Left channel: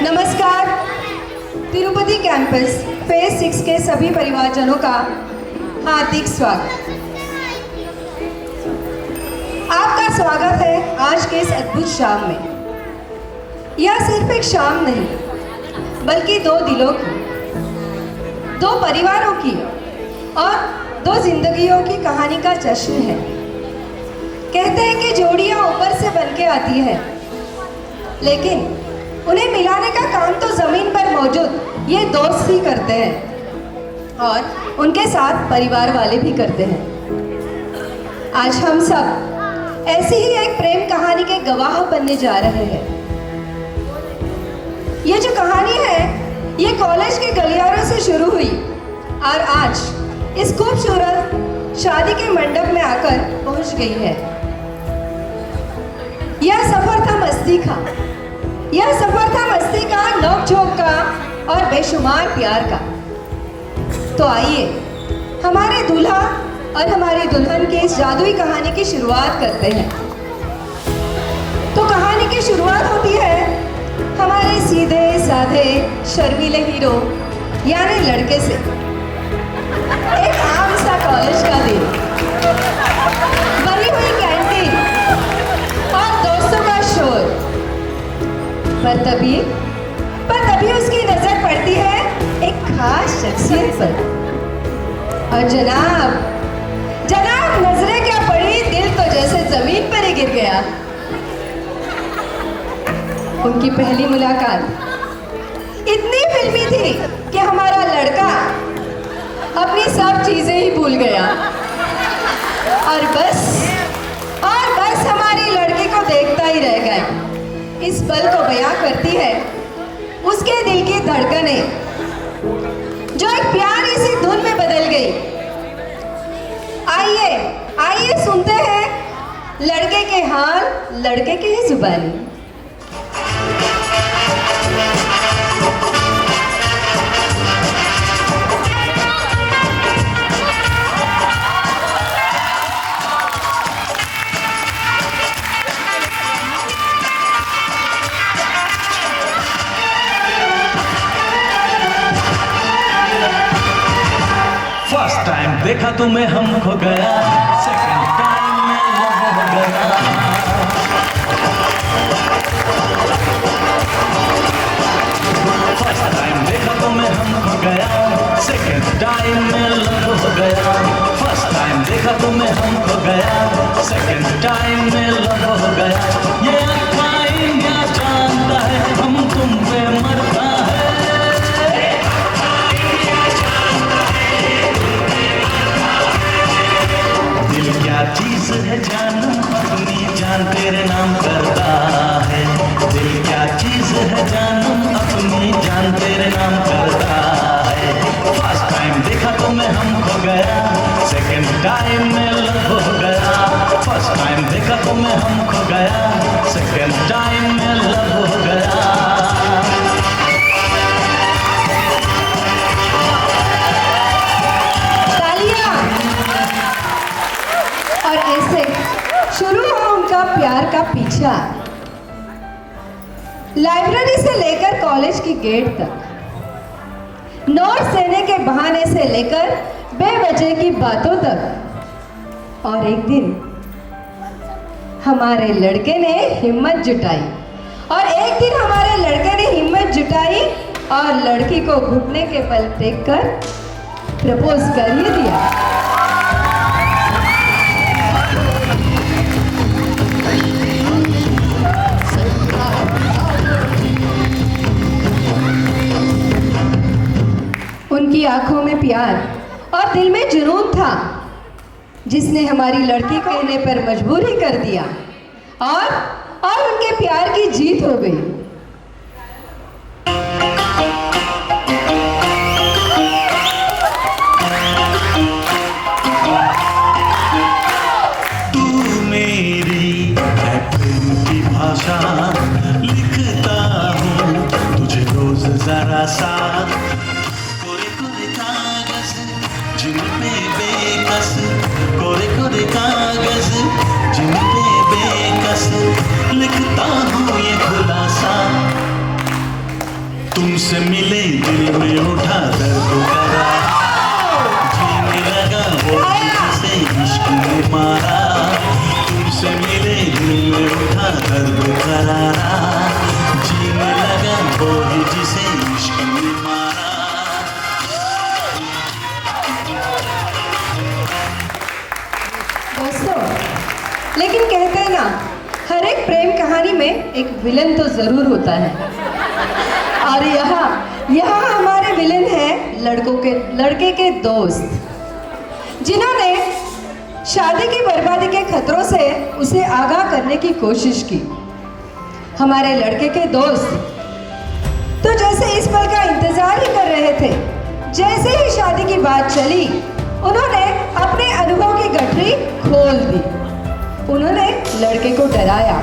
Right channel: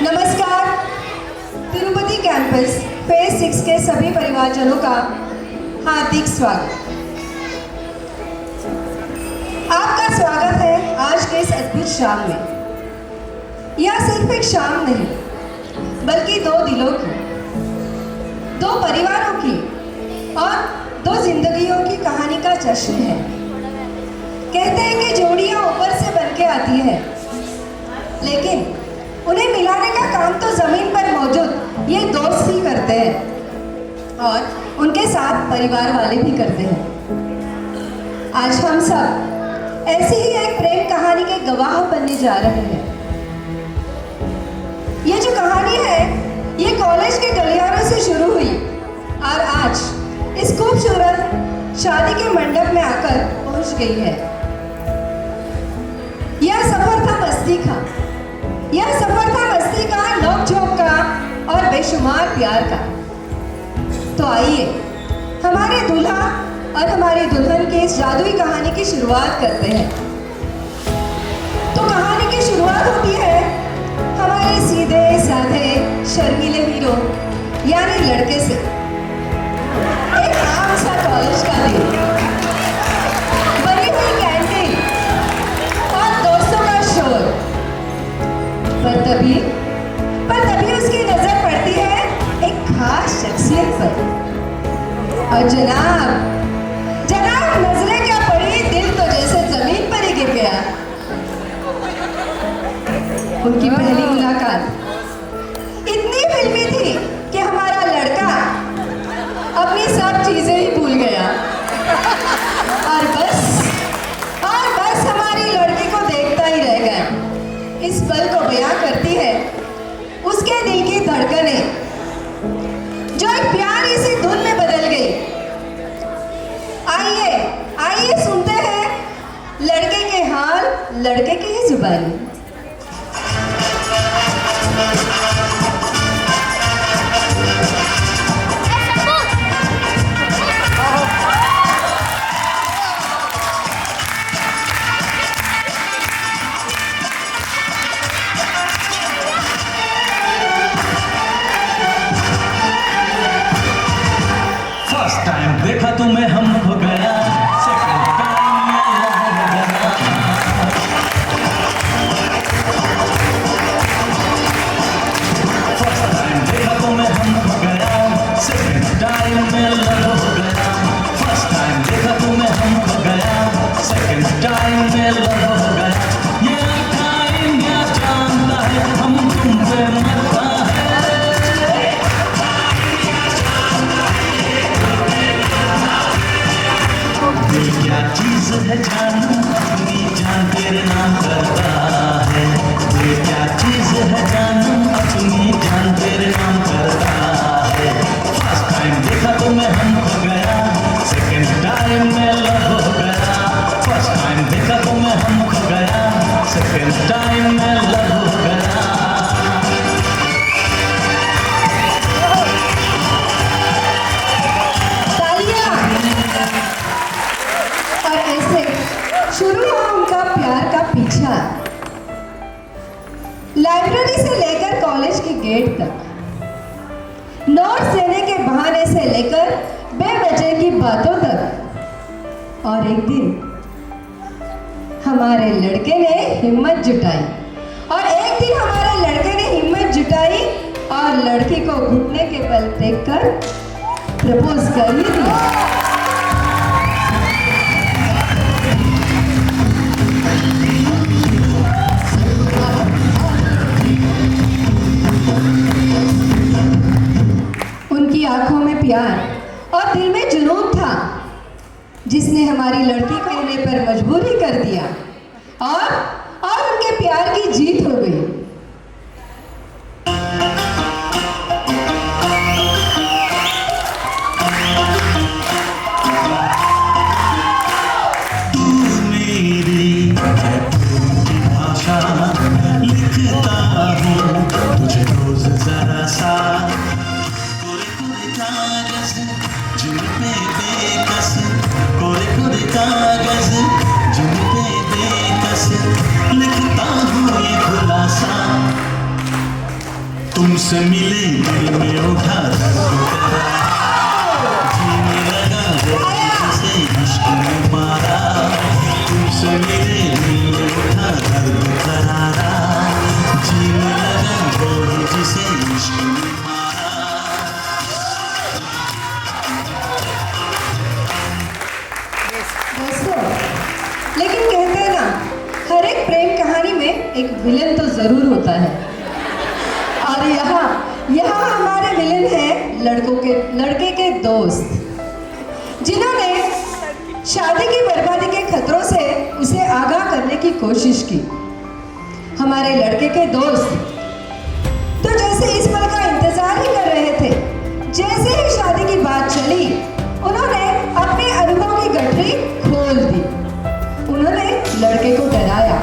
नमस्कार। Tirupati campus phase 6 के सभी परिवारजनों का हार्दिक स्वागत। आपका स्वागत है आज के इस अद्भुत शाम में। यह सिर्फ एक शाम नहीं, बल्कि दो दिलों की, दो परिवारों की और दो जिंदगियों की कहानी का जश्न है। कहते हैं कि जोड़ियां ऊपर से बन के आती है, लेकिन उन्हें मिलाने का काम तो जमीन पर मौजूद ये दोस्त ही करते हैं और उनके साथ परिवार वाले भी करते हैं। आज हम सब ऐसी ही एक प्रेम कहानी के गवाह बनने जा रहे हैं। ये जो कहानी है ये कॉलेज के गलियारों से शुरू हुई और आज इस खूबसूरत शादी के मंडप में आकर पहुंच गई है। यह सफर था मस्ती का, यह सफर था मस्ती का, नोक-झोंक का और बेशुमार प्यार का। तो आइए हमारे दूल्हा और हमारी दुल्हन की इस जादुई कहानी की शुरुआत करते हैं। तो कहानी की शुरुआत होती है हमारे सीधे साधे शर्मीले हीरो यानी लड़के से। एक आम सा कॉलेज का दिन, भरी हुई कैंटीन और दोस्तों का शोर। पर तभी उसकी नजर पड़ती है एक खास शख्सियत पर। और जनाब नजरें क्या पड़ी, दिल तो जैसे जमीन पर ही गिर गया। उनकी पहली मुलाकात इतनी फिल्मी थी कि हमारा लड़का अपनी सब चीजें ही भूल गया और बस हमारी लड़की को देखता ही रह गया। इस पल को बयां करती है उसके दिल की धड़कनें, जो एक प्यारी सी धुन में बदल गई। आइए सुनते हैं लड़के के हाल, लड़के की ही जुबानी। टाइम देखा तुम्हें हम खो गया, सेकंड टाइम में लव हो गया। फर्स्ट टाइम देखा तुम्हें हम खो गया, सेकंड टाइम में लव हो गया। फर्स्ट टाइम देखा तुम्हें हम खो गया, सेकंड टाइम में लव हो गया। ये टाइम क्या जानता है हम तुम पे मरता है। क्या चीज है जानू अपनी जान तेरे नाम करता है। ये क्या चीज है जानू अपनी जान तेरे नाम करता है। फर्स्ट टाइम देखा तुम्हें हम खो गया, सेकंड टाइम में लव हो गया। फर्स्ट टाइम देखा तुम्हें हम खो गया, सेकंड टाइम में लव हो गया। और ऐसे शुरू हुआ उनका प्यार का पीछा, लाइब्रेरी से लेकर कॉलेज की गेट तक, नोट्स देने के बहाने से लेकर बेवजह की बातों तक। और एक दिन हमारे लड़के ने हिम्मत जुटाई और लड़की को घुटने के बल देखकर प्रपोज कर ही दिया। उनकी आंखों में प्यार और दिल में जुनून था, जिसने हमारी लड़की कहने पर मजबूर ही कर दिया और उनके प्यार की जीत हो गई। लिखता हूँ ये खुलासा तुमसे मिले दिल में उठा दर्द जीने लगा वो से इश्क में मारा तुमसे मिले दिल में उठा दर्द करारा जीने लगा वो जिसे इश्क में मारा। दोस्तों, लेकिन कहते हैं ना, हर एक प्रेम कहानी में एक विलन तो जरूर होता है। और यहाँ हमारे विलेन हैं लड़के के दोस्त, जिन्होंने शादी की बर्बादी के खतरों से उसे आगाह करने की कोशिश की। हमारे लड़के के दोस्त तो जैसे इस पल का इंतजार ही कर रहे थे। जैसे ही शादी की बात चली, उन्होंने अपने अनुभव की गठरी खोल दी। उन्होंने लड़के को डराया,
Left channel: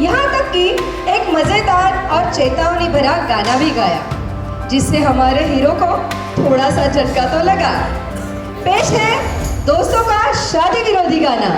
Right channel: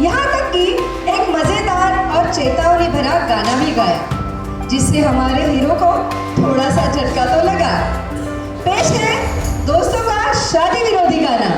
यहाँ तक कि एक मजेदार और चेतावनी भरा गाना भी गाया, जिससे हमारे हीरो को थोड़ा सा झटका तो लगा। पेश है दोस्तों का शादी विरोधी गाना।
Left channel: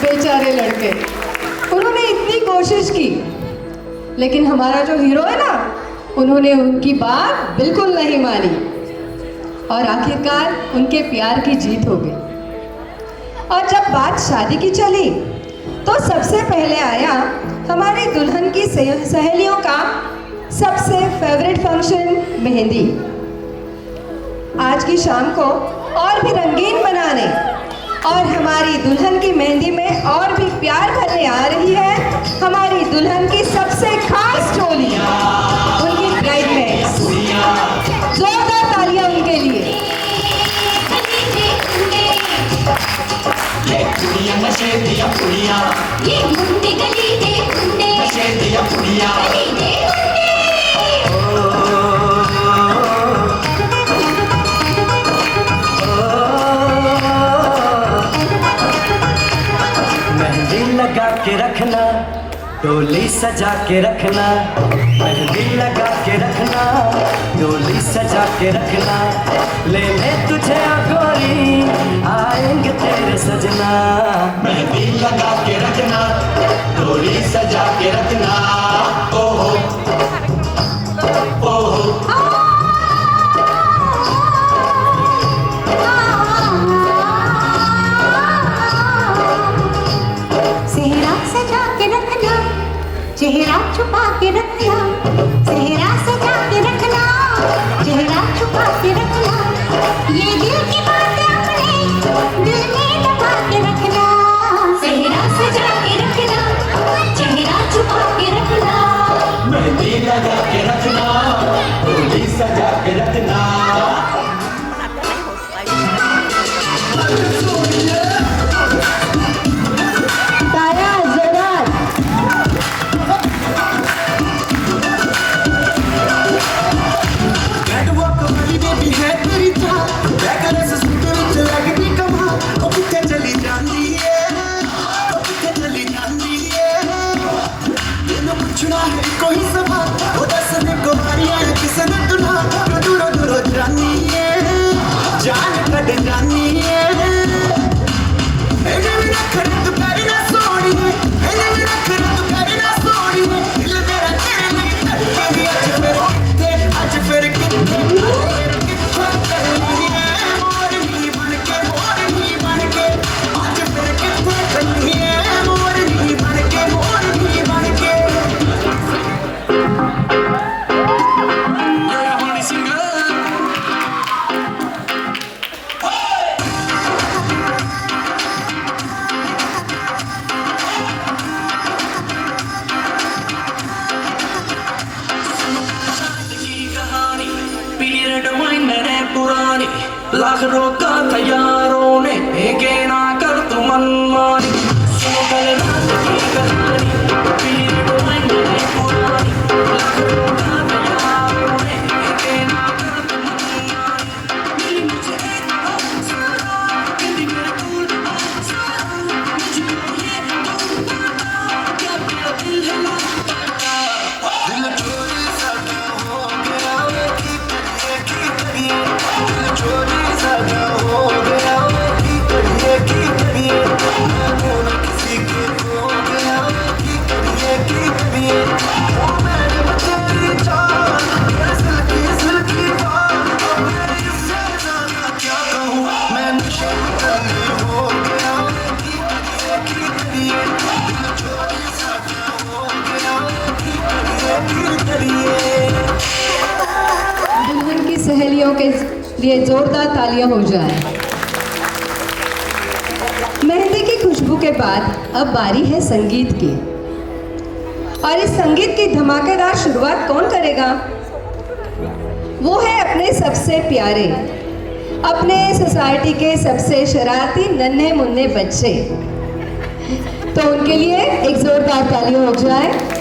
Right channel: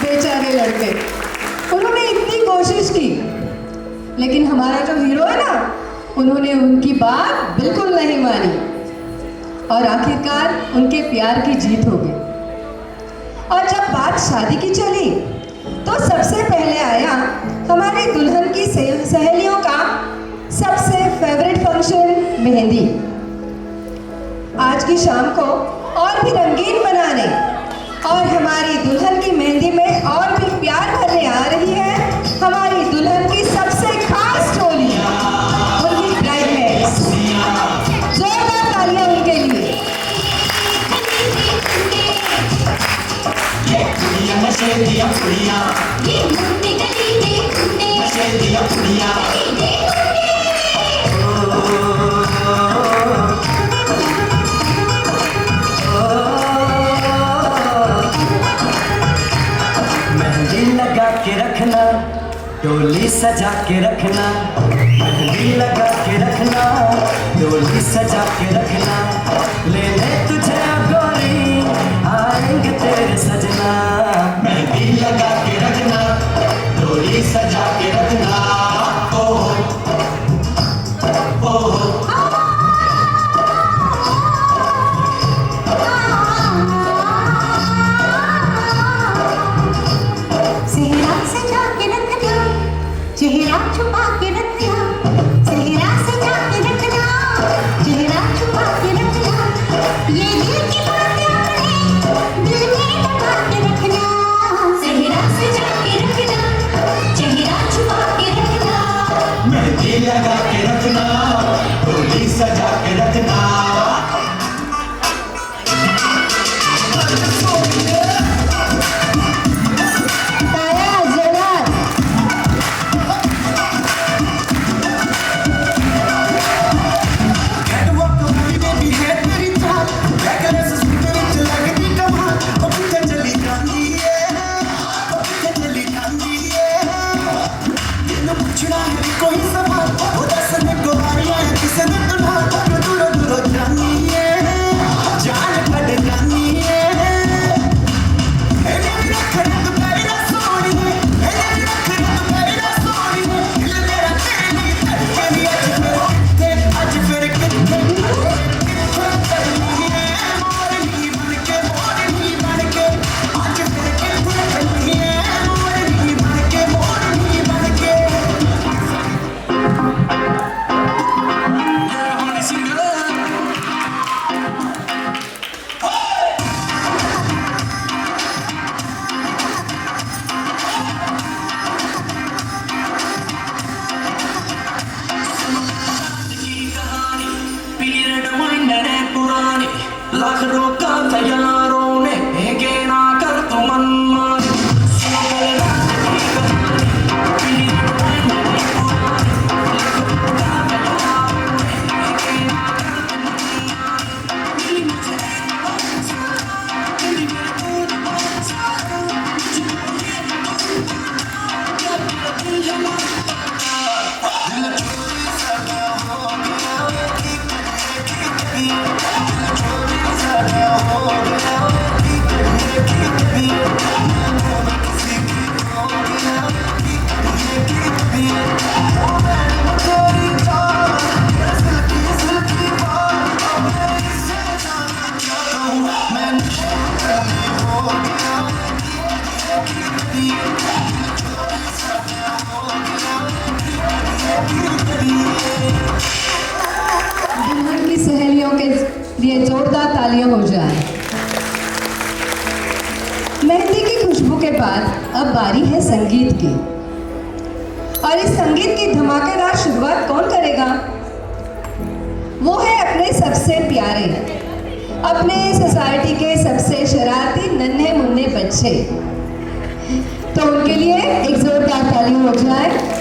बेचारे लड़के, उन्होंने इतनी कोशिश की, लेकिन हमारा जो हीरो है ना, उन्होंने उनकी बात बिल्कुल नहीं मानी और आखिरकार उनके प्यार की जीत हो गई। और जब बात शादी की चली, तो सबसे पहले आया हमारी दुल्हन की सहेलियों का सबसे फेवरेट फंक्शन, मेहंदी। आज की शाम को और भी रंगीन बनाने और हमारी दुल्हन की मेहंदी में और भी प्यार भरने आ रही है हमारी दुल्हन की सबसे खास टोली, उनकी ब्राइडमेड्स। जोरदार तालियां उनके लिए। लगा के रखना, डोली सजा के रखना, मेहंदी लगा के रखना, डोली सजा के रखना, ले ले तुझे गोरी आएंगे तेरे सजना। मेहंदी लगा के रखना डोली सजा के रखना ओहो ओहो सेहरा सजा के रखना, चेहरा छुपा के रखना, सेहरा सजा के रखना, चेहरा छुपा के रखना, ये दिल की बातें अपने दिल में दबा के रखना। सेहरा साथ यारों ने फेंके ना कर तुम मनमानी सुनो करना दुल्हन की सहेलियों के लिए जोरदार तालियां हो जाए। मेहंदी की खुशबू के बाद अब बारी है संगीत की, और इस संगीत की धमाकेदार शुरुआत कौन करेगा? वो है अपने सबसे प्यारे, अपने सोसाइटी के सबसे शरारती नन्हे मुन्ने बच्चे। तो उनके लिए एक जोरदार तालियां हो जाए।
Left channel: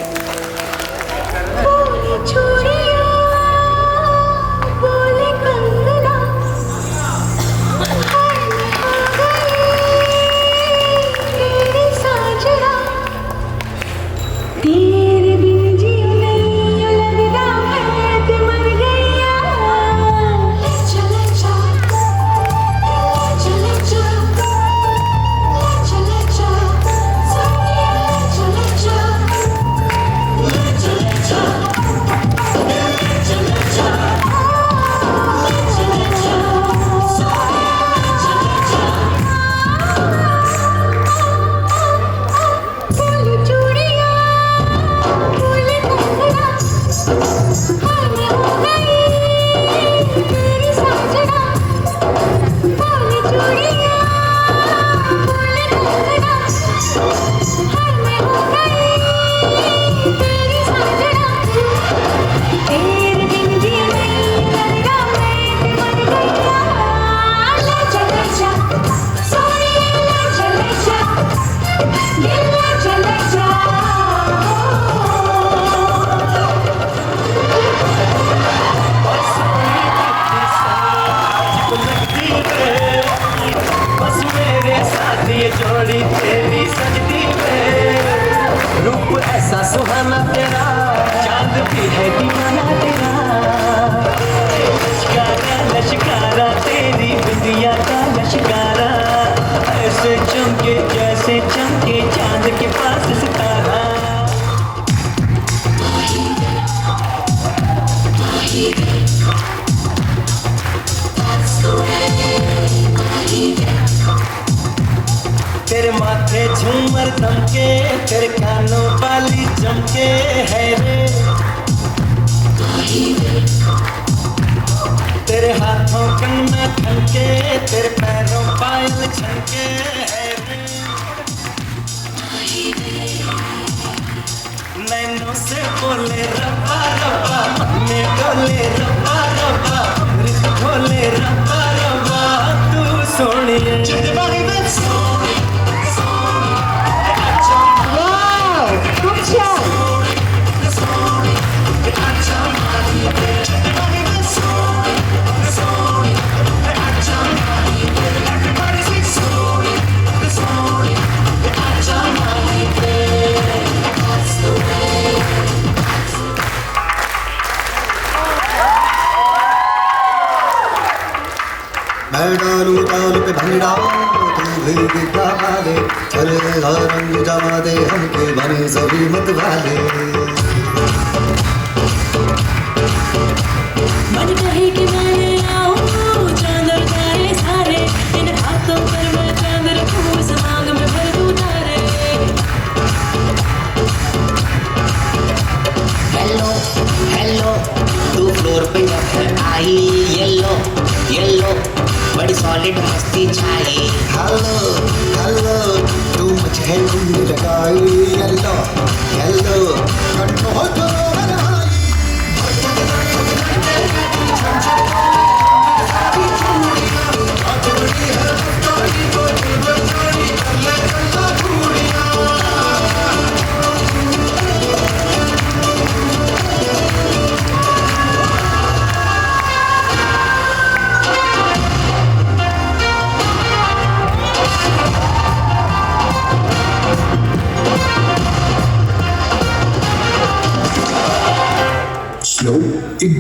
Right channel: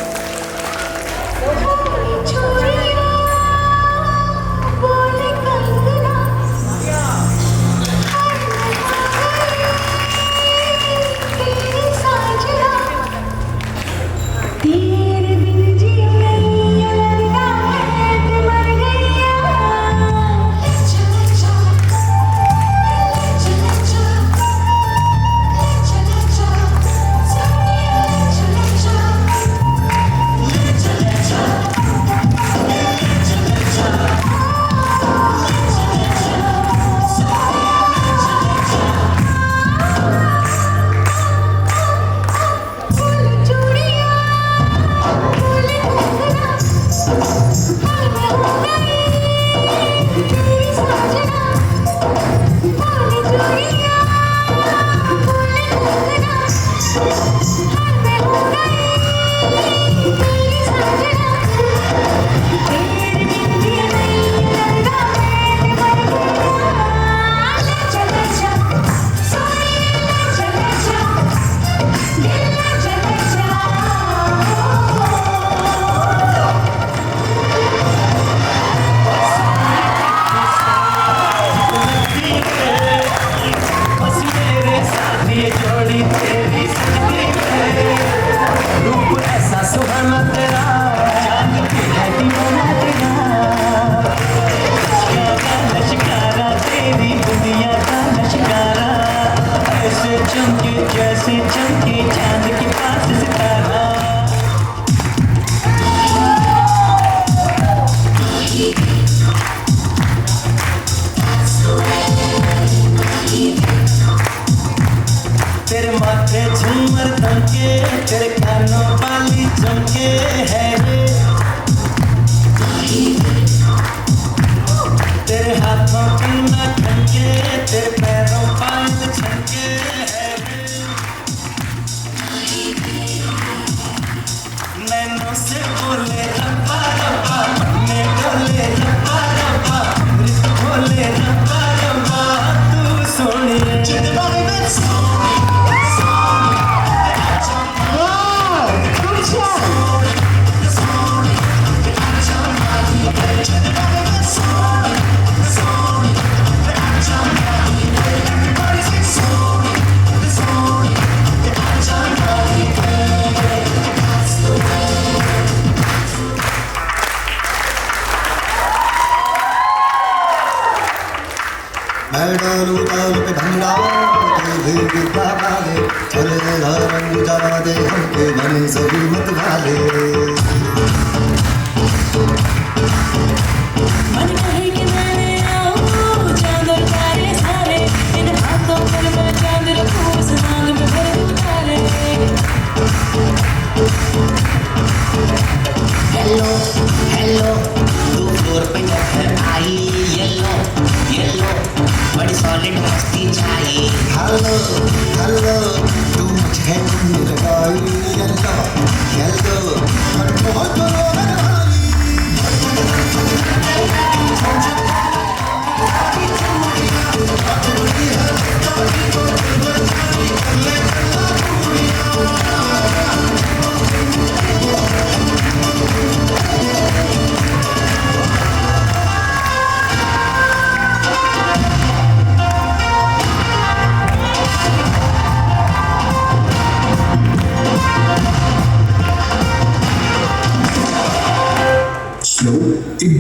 डालू ताल पे भंगड़ा भी वाले चले रंग जला दे हमके बने सभी मत वाले मन कहे कि मैं आऊं चांदर गाए सारे इन हाथों पर मैं चांद रखूं समाग में भर उतारे हेलो हेलो तू फ्लोर पे आई येलो येलो बड़ी सॉलिड मस्ती छाई हेलो हेलो तू मुझे लगाई येलो येलो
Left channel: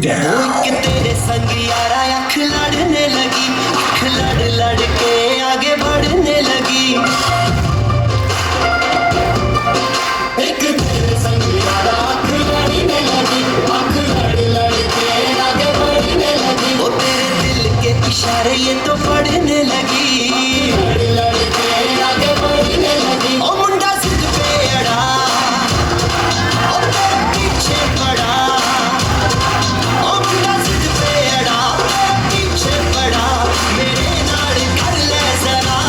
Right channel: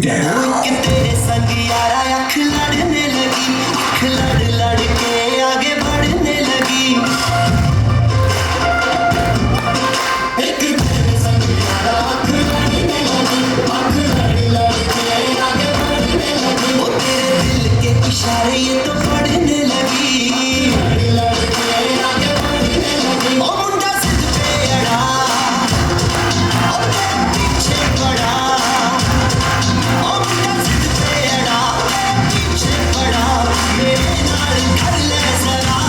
कि तेरे संग यारा अख लड़ने लगी, अख लड़ लड़ के आगे बढ़ने लगी। एक तेरे संग यारा अख लड़ने लगी, अख लड़ लड़ के आगे बढ़ने लगी। ओ तेरे दिल के इशारे ये तो पढ़ने लगी, लड़ लड़ के आगे बढ़ने लगी। ओ मुंडा सिद्ध पे अड़ा, ओ तेरे पीछे पड़ा, ओ मुंडा सिद्ध पे अड़ा, पीछे पड़ा, मेरे नाल कर ले जरा।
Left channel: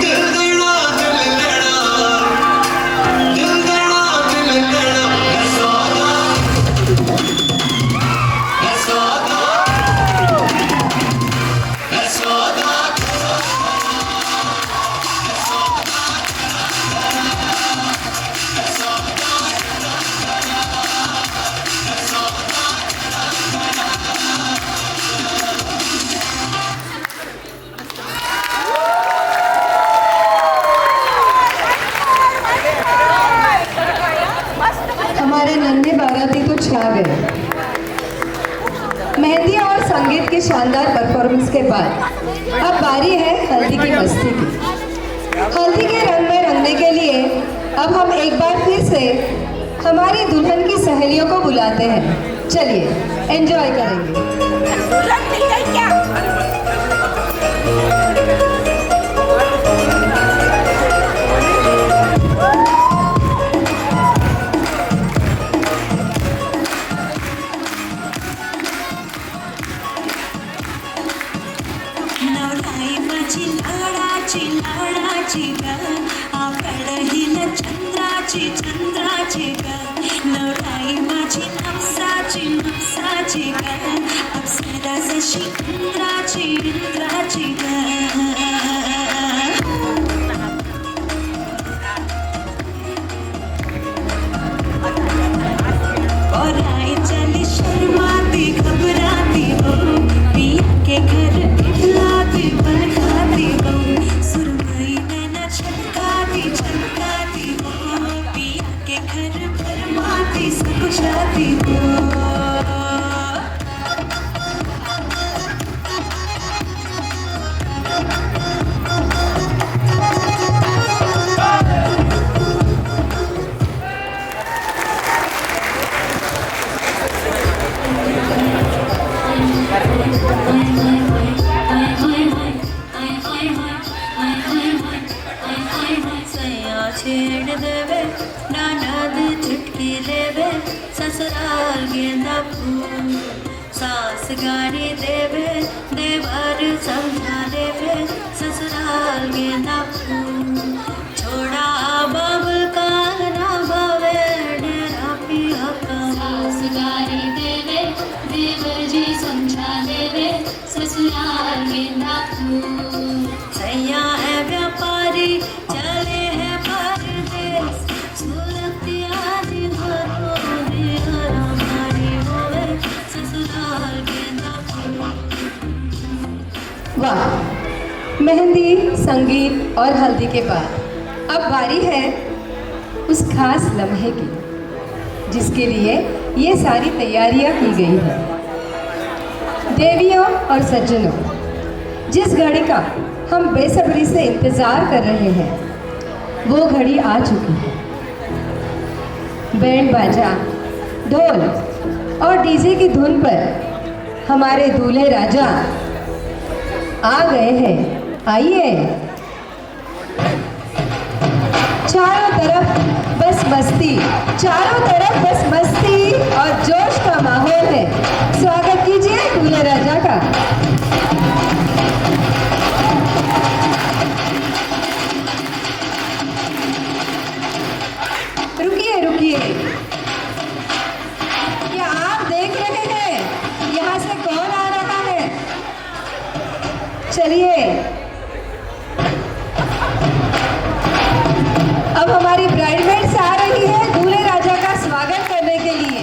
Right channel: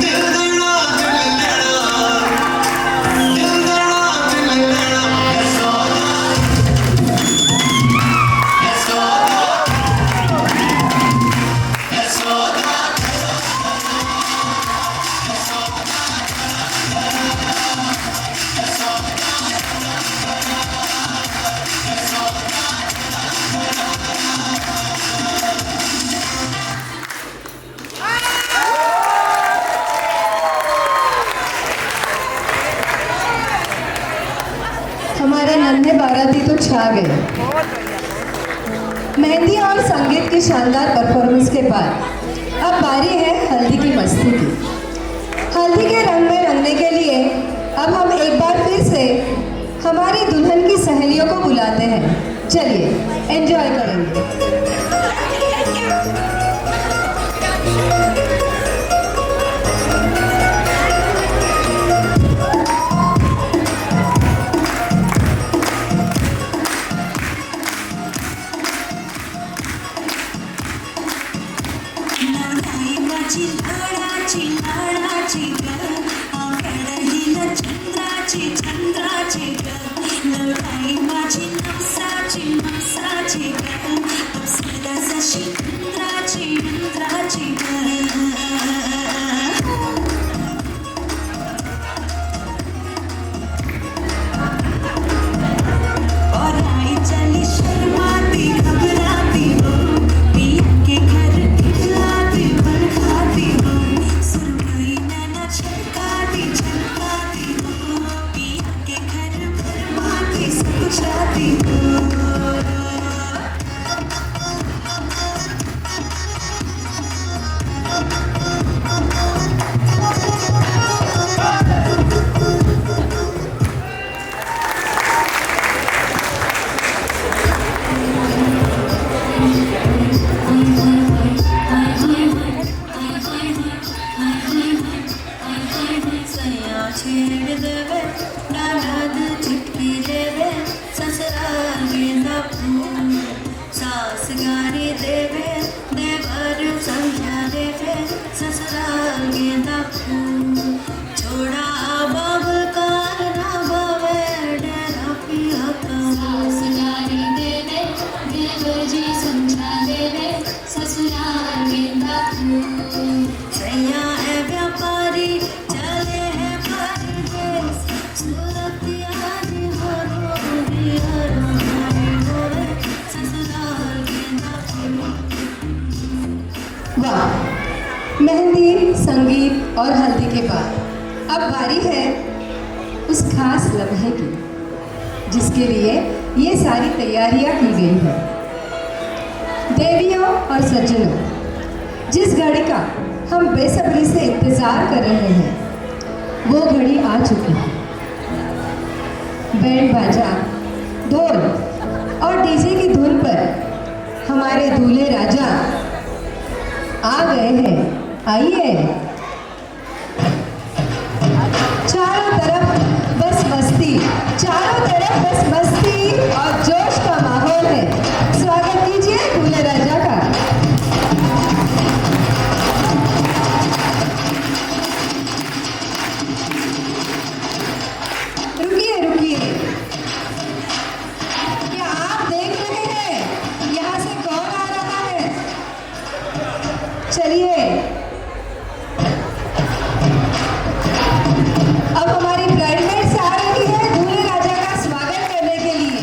दिल देना दिल लेना, दिल देना दिल लेना, मैं सोता, मैं सोता, मैं सोता। हमारे नन्हे बाराती तो छा गए। मेहंदी और संगीत की शानदार परफॉर्मेंस के बाद अब बारी है हल्दी की मस्ती की। हल्दी के रंग में रंगने के लिए अब हम एक बार फिर से हमारी दुल्हन की सहेलियों को बुलाते हैं। चलिए एंजॉय करेंगे। लढाई माझी लाडाची लाडाची ग आकडहील चंद्राची चंद्राची ग लढाई माझी नवसाची नवसाची ग अप्सरा जशी इंद्राची इंद्राची ग और आई चली शर्माती घबराती हो पिया के घर खिलाती बरखाती हो सुरमई नैना छलकाती छलकाती हो पिया के घर फरमाती सब जाती हो छेड़ देवे ननद चुटकी लेवे ससुराल गेंदा फूल सास गाड़ी देवे देवर समझा देवे ससुराल गेंदा फूल छोड़ा बाबुल का ना बावे डेरा पिया का सास गाड़ी देवे देवर जी समझा देवे ससुराल गेंदा फूल सैया है व्यापारी चले हैं परदेस सूरत आज हरो दिया हमारी होवे ससुराल गेंदा फूल। वाह, मेहंदी, संगीत और हल्दी के बाद अब बारी है उस खास लम्हे की जिसके लिए ये सारी तैयारियां की गई है। देवियों और सज्जनों, जिस घड़ी का हम बेसब्री से इंतजार कर रहे हैं वो घड़ी आ चुकी है। बैंड बाजा, ढोल और डीजे की धुन पर हमारे दूल्हे राजा आ गए हैं। आइए, चारों तरफ बस मस्ती, चारों तरफ बस मस्ती और जोश का माहौल है। स्वागत कीजिए दूल्हे राजा का। रुकिए रुकिए, क्या आप देख रहे हैं यहाँ से कौन आ रहा है? चलिए, अब हमारी ब्राइडमेड्स आ रही है दूल्हे राजा का स्वागत करने के लिए।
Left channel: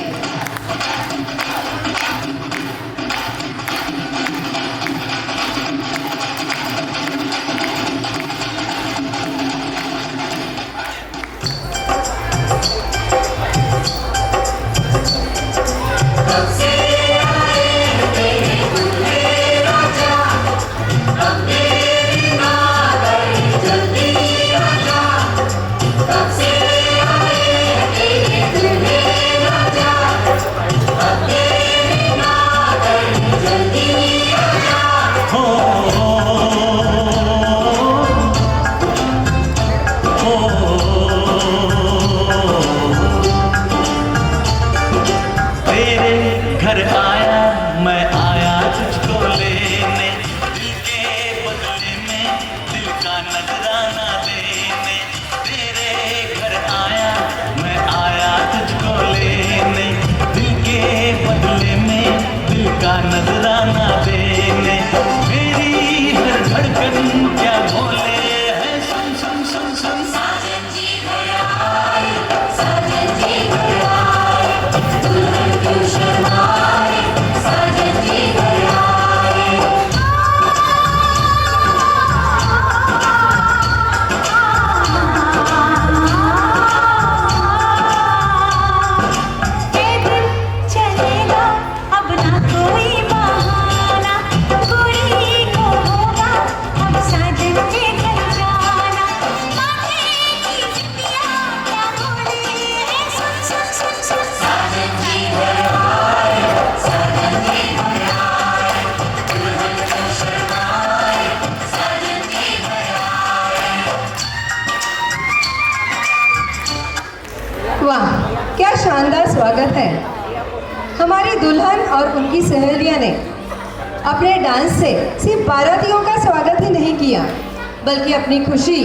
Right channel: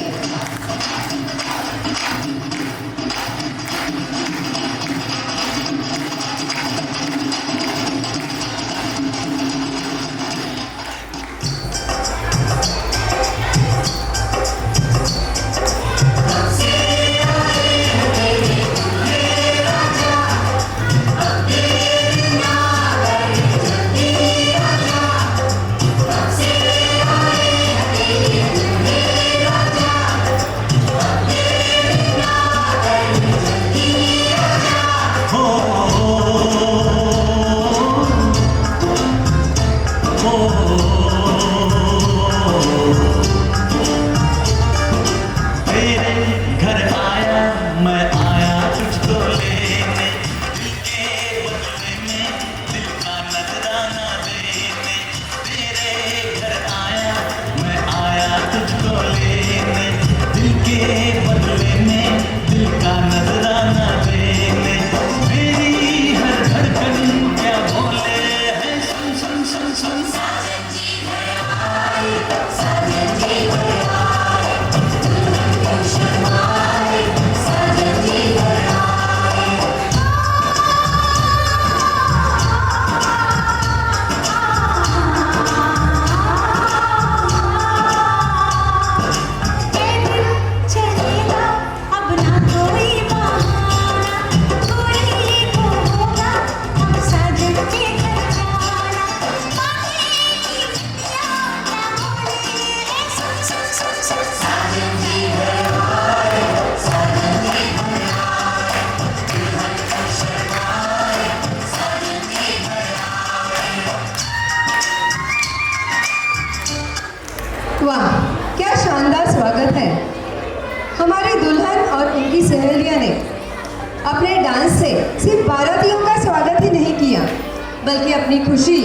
बल्कि अपनी खुशी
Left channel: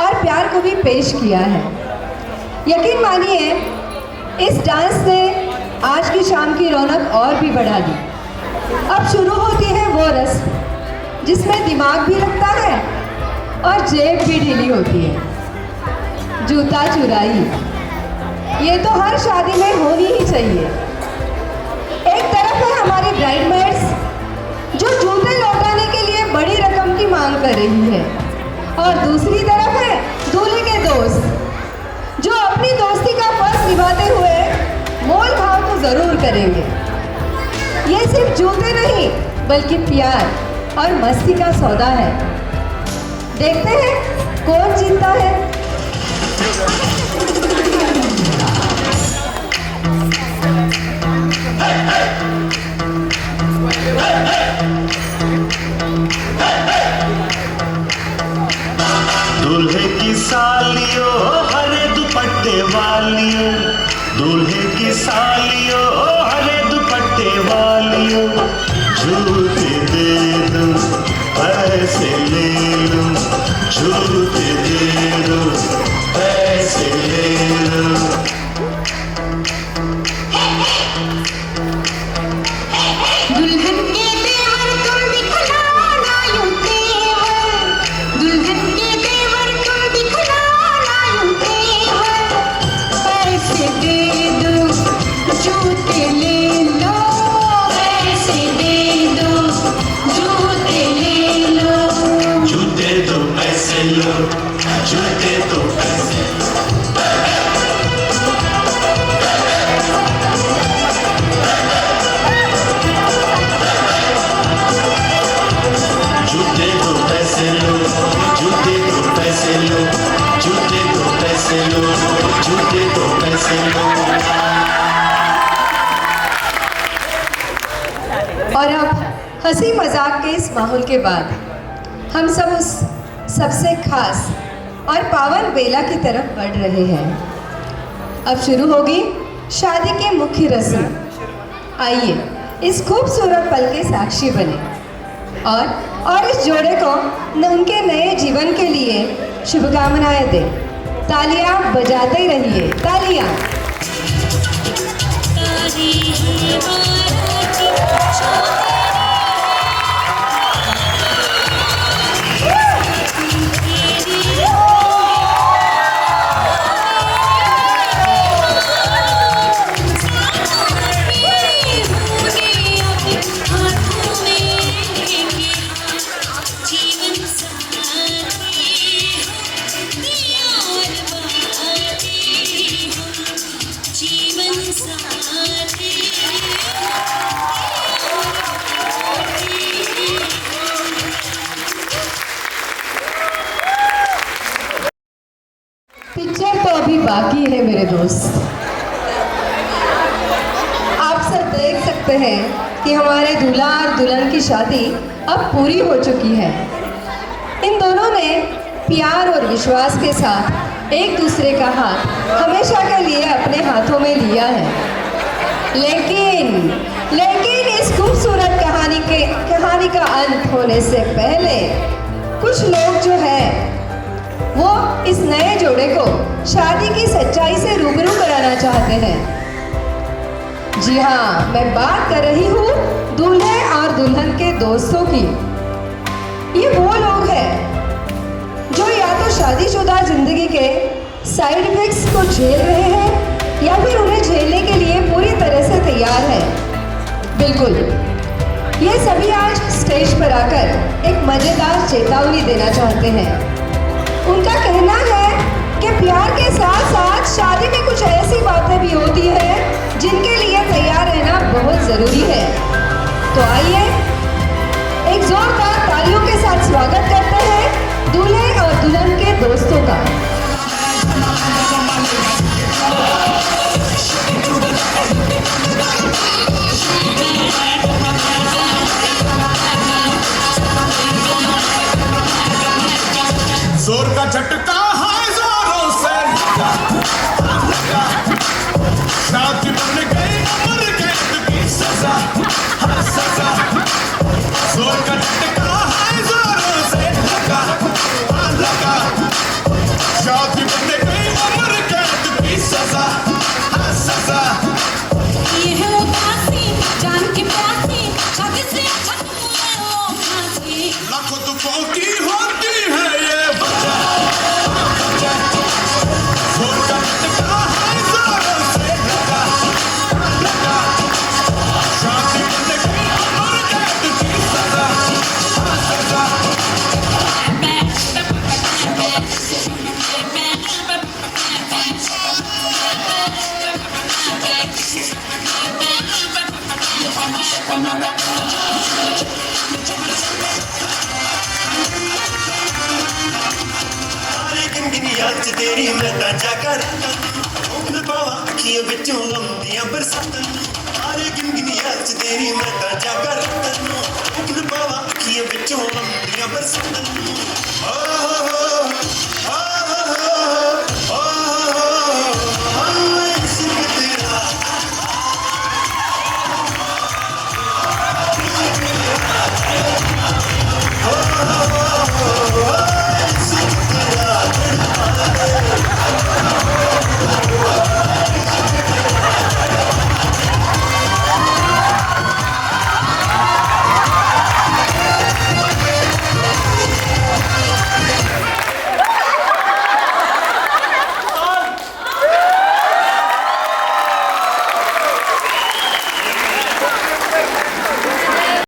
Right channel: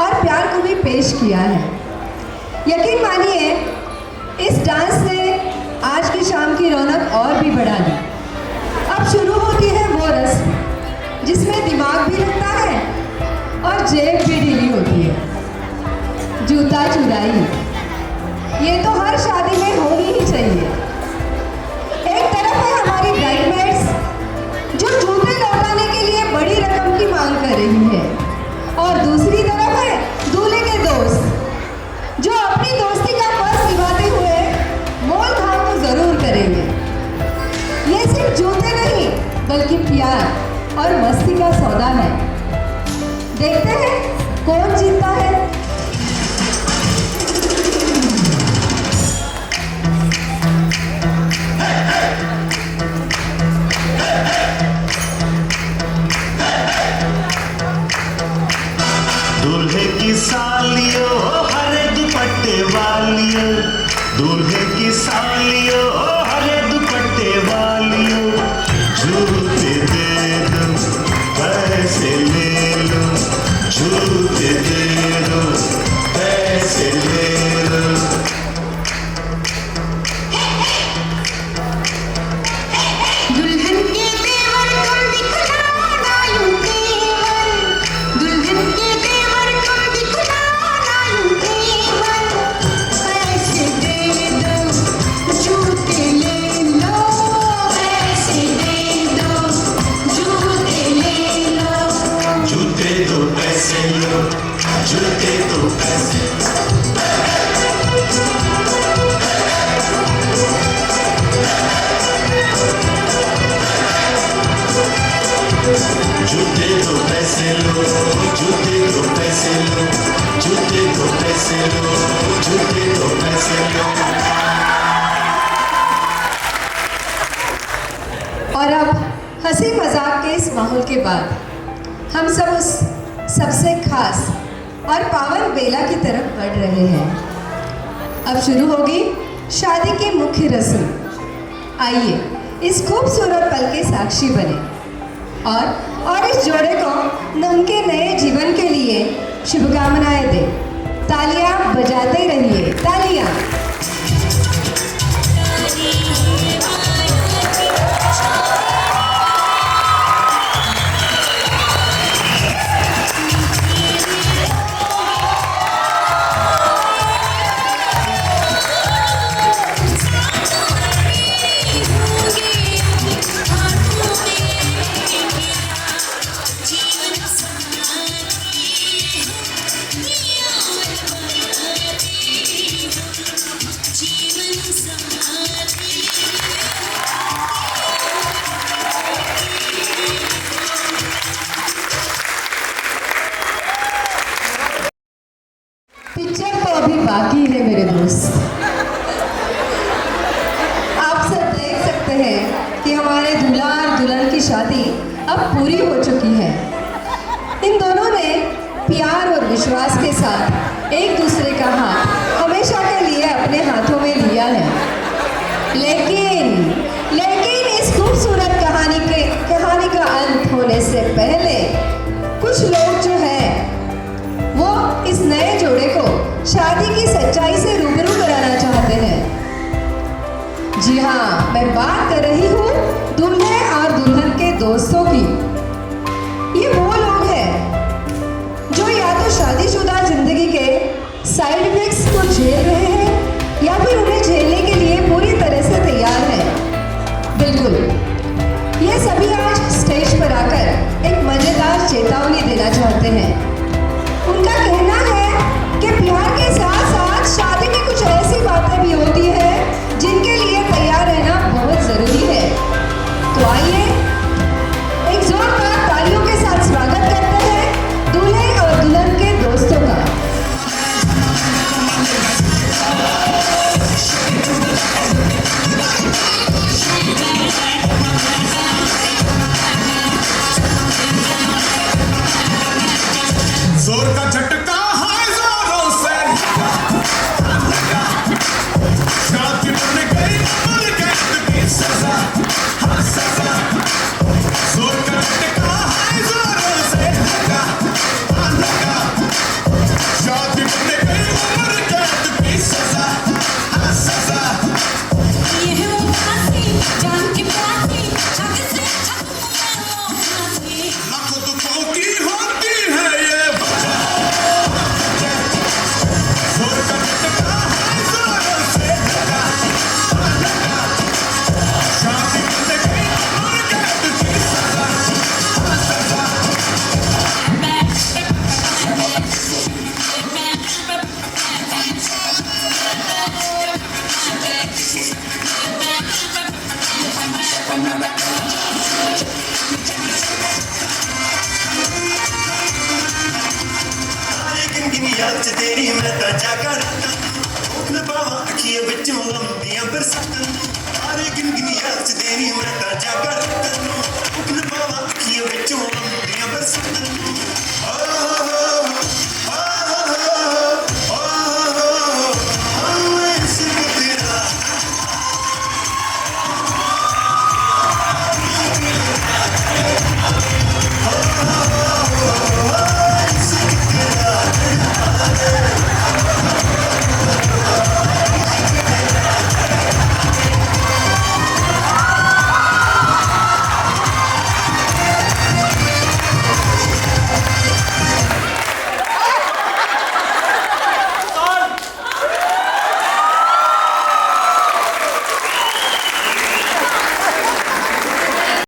और प्यार को भी पेश किया है। यकीन मानिए, इस डांस ने आज की शाम की रौनक और भी बढ़ा दी। अब शुरू होती है वो रस्म जिसमें दिमाग भी लगता है और जेब भी ढीली होती है। जूता चुराई, ये तो हर शादी में होनी ही चाहिए। एक तरफ है हमारी ब्राइडमेड्स जो जूते लौटाने के लिए बड़ी रकम की मांग कर रही है, और दूसरी तरफ है दूल्हे के दोस्त जो अपनी दोस्ती का फर्ज निभाते हुए मोल भाव तो जरूर करेंगे। ये सिर्फ जूते नहीं बल्कि प्यार और मस्ती का सौदा है। देखते हैं कौन जीतता है। दूल्हे की सालियो हरे दुपट्टे वालियो, दूल्हे की सालियो हरे दुपट्टे वालियो, जूते दे दो पैसे ले लो, जूते दे दो पैसे ले लो। दुल्हन के देवर तुम दिखलाना यूं तेवर, दुल्हन के देवर तुम दिखलाना यूं तेवर, पैसे दे दो जूते ले लो, पैसे दे दो जूते ले लो। जूते दो पैसे लो, जूते दो पैसे। जूते दो पैसे लो, जूते दो पैसे लो, जूते दो पैसे लो, जूते दो पैसे लो। और अब हंसी मजाक के इस माहौल के बाद हम सब उस सबसे खास और पावन बेला की तरफ बढ़ रहे हैं। अब शुरू होगी शादी की मुख्य रस्म। आइए इस खूबसूरत पल के साक्षी बने और इस जोड़े को उनके नए जीवन के लिए शुभकामनाएं दें। तालियां बजाते रहिए, तालियां। पिक्चर तो अभी बाकी है मेरे दोस्त। आप सब देख सकते हैं कि हमारे दूल्हा और दुल्हन की शादी अब पूरी हो चुकी है। इन दोनों ने प्यार और विश्वास के साथ एक दूसरे का हाथ हमेशा के लिए अपने हाथों में लिया है। लेकिन इस खूबसूरत कहानी का अंत होने से पहले कुछ लोग जो है वो इस नए जोड़े को शादी की सच्चाई से रूबरू कराना चाहते हैं। जी हाँ, मैं बात कर रही हूँ दूल्हे और दुल्हन के दोस्तों की। ये वो लोग हैं जो या तो शादीशुदा जिंदगी के साइड इफेक्ट्स को झेल रहे हैं या फिर उन्हें झेलने के लिए पूरी तरह से तैयार हैं। बिल्कुल, ये सभी आज स्टेज पर आकर एक मजेदार चेतावनी देना चाहते हैं। उनका कहना है कि प्यार के साथ साथ शादी में कुछ ऐसी बातें भी होती हैं जिनके लिए तैयार रहना बहुत ज़रूरी है। तो आइए एक जोरदार तालियों के साथ स्वागत करते हैं दूल्हे और दुल्हन के दोस्तों का। होती होती है ये याद तेरी मैं ताजा कर बाबा अखियां बिचों लंबियां बरसातां सारी जिंदगी याद तेरी मैं ताजा कर बाबा अखियां बिचों लंबियां बरसातां Oh